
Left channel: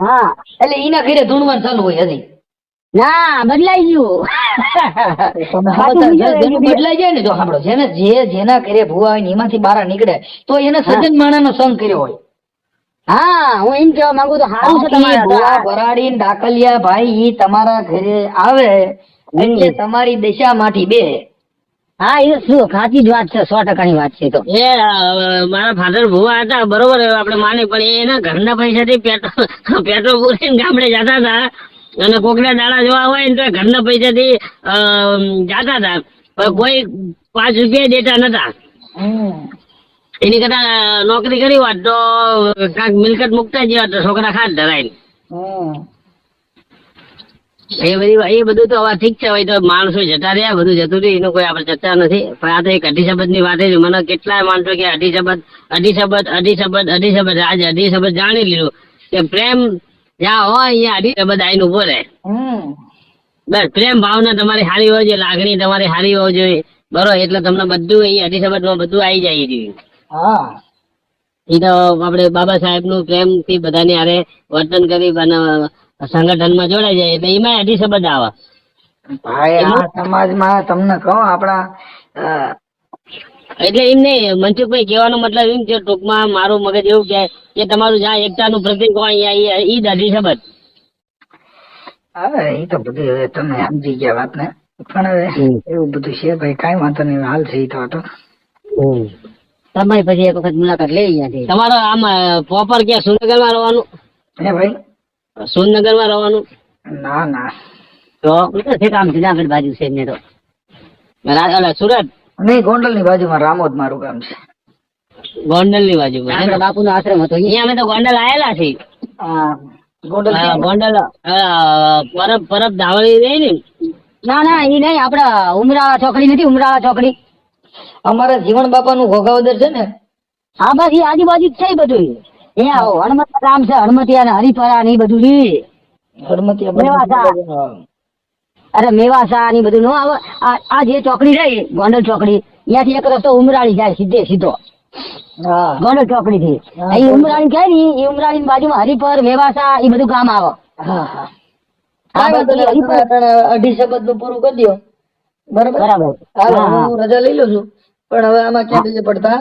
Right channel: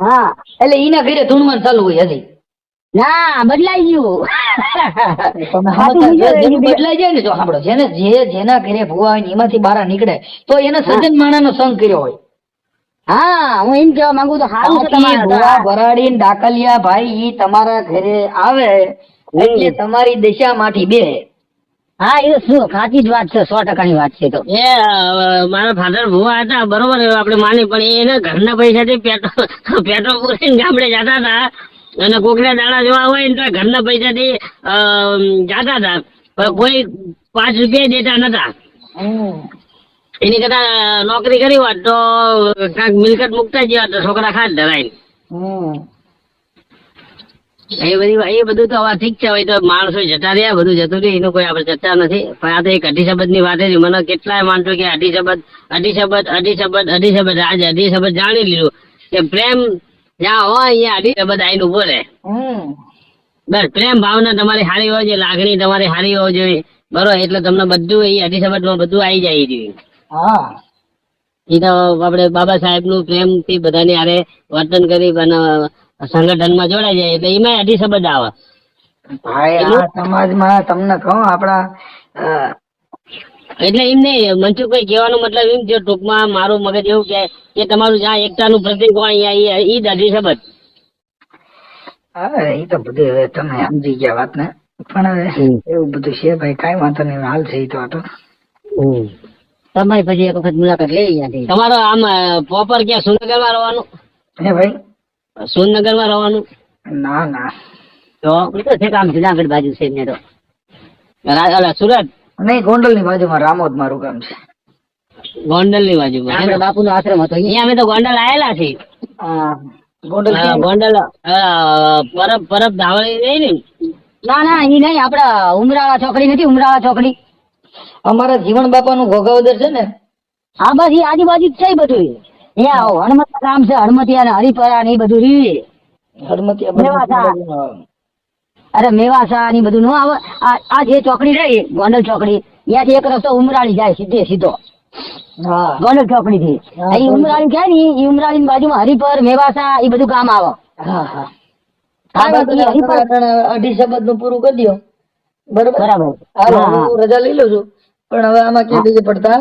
હા એટલે એના ઘરે ધૂણવાનું ચાલુ હોય હજી. ના બદલાઈ ગયું. જેનું બદલાઈ જાય ને તો સાંભળો જેના ઘરે ભૂવા હોય ને એમાંથી બહાર નીકળે તો એને સજ્જન માણસનો સંગ કર્યો હોય. હા હું એમ કેવા માંગુ તો સારું છે તમારે ભૂવા ભરાડી ને ડાકલિયા ભાઈ ઈ તમારા ઘરે આવે એટલે તમારી દશામાંથી બે. હા એ શું સાચી જ વાત છે. 100% ની વાત છે. તો એ મારા ફાધર ભુવા હતા બરોબર આપણે માની પણ એના ઘરના પૈસાથી પેટ્રોલ પૂરીને ગામડે જતા હતા અને કોકના દાડા જોવા હોય ને તો ઘરના પૈસાથી જતા હતા પણ કોઈ 5 રૂપિયા દેતા નતા. એની કરતા નોકરી કરી હોત તો કાંક મિલકત મુકતા જ તો છોકરા ખાત ધરાય. એ બધું તો હવે ઠીક છે. હવે તો માણસો જતા રહ્યા બધું જતું રહ્યું એનું કોઈ આપણે ચર્ચા નથી. પણ આ તો એક અઢી શબ્દ ની વાત છે. મને કેટલાય માણસો કે અઢી શબ્દ આજ અઢી શબ્દ જાણી લીધું કે પ્રેમ જ્યાં હોય અહીંયા અઢી શબ્દ આવીને ઉભો રહે. બસ પ્રેમ ભાવના તમારી સારી હોય છે, લાગણી તમારી સારી હોવી જોઈએ બરોબર એટલે તમને બધું અહીંયા અઢી શબ્દ માં બધું આવી જાય જોઈએ. એ તો આપણે બાબા સાહેબ નું પ્રેમ થી બધાની હારે વર્તન કરી સંગઠન માં જોડાઈ જાય એટલે એમાં અઢી શબ્દ આવે. ભાઈ આ સમાજમાં તમને કહું આપણા એટલે એમ નહીં મનસુખભાઈ કહેવાનો મતલબ એમ છે ટૂંકમાં મારું મગજ એવું કે તમારું જ્યાં એકતાનું પ્રતિક હોય અહીંયા ઈ દાઢી શબ્દ. હવે એ તો બધું હવે તમે સમજી ગયા વાત ને, પણ હવે એવું બધું છે ભાઈ, કઈ વાંધો નહીં, હાલ છે એ તો હતો. તમે પછી એક વખત મુલાકાત લઈ ગયા. તમારો આમ પ્રોપર ક્યાં સુરનગરમાં રહેવાનું? હે ભાઈ? સુરનગરમાં રહેવાનું? ના ના, તો છે કામ જુનાગઢ બાજુ છે એમને તો. સુરત નહીં, ગોંડલ ની બાજુમાં રામોદ મારું ગામ છે. ગોંડલ ની બાજુમાં આપણા બાપુ નો આશ્રમ હતો અહીંયા અમે તો ગોંડલ આયેલા છીએ. ગોંડલ ગોંડલ પરબ ધાવણી રહી ને. ના ના એ નહીં, આપડા ઉમરાળા ચોકડી નથી, ઉમરાળા ચોકડી અમારા જીવન બાપા નું ઘોઘાવદર છે ને, હા બસ એ આજુબાજુ જ છે બધું. અહીંયા હનુમત ગામ છે, હનુમતિયા હરિપરા ને એ બધું છે. હડમતિયા અરે મેવાસા ને બધું નો આવે. આ જે ચોકડી રહી ગોંડલ ચોકડી, ત્યાંથી એક રસ્તો ઉમરાળી જાય સીધો હા ગોંડલ ચોકડી થી. અહીં ઉમરાળી કહે ને એ ઉમરાળી ની બાજુમાં હરિપર મેવાસા એ બધું ગામ આવે. હા હા, હા, બસ ઈ હરિપર. અઢી શબ્દ નું પૂરું કરી દો. બરોબર, બરાબર. હાલો, હા, હા. હું રજા લઈ લઉં છું, પણ હવે આમાં ક્યાં બીજે પડતા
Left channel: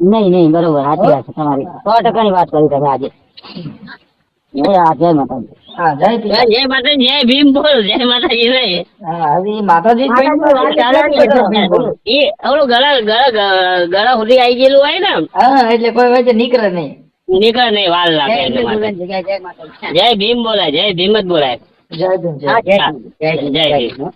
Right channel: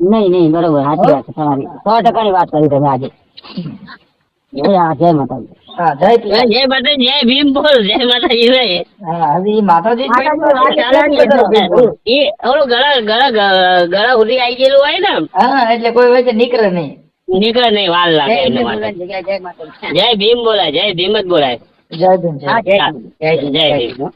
નહીં બરોબર, સાચી વાત છે તમારી. 100% ની વાત કરી તમે આજે. હા, જય માતાજી. હા, જય પિતા. જય માતાજી, જય ભીમ બોલ, જય માતાજી રે. હા, હજી માતાજી એ ઓલું ગળા સુધી આવી ગયેલું હોય ને, હા, એટલે કોઈ વચ્ચે નીકળે નહીં. નીકળે નહીં, વાર લાગે જય એના માટે. ભીમ, જય માતાજી. જય ભીમ બોલાય, જય ભીમ જ બોલાય. જય ભીમ, જય હા, જય ભીમ. જય ભીમ.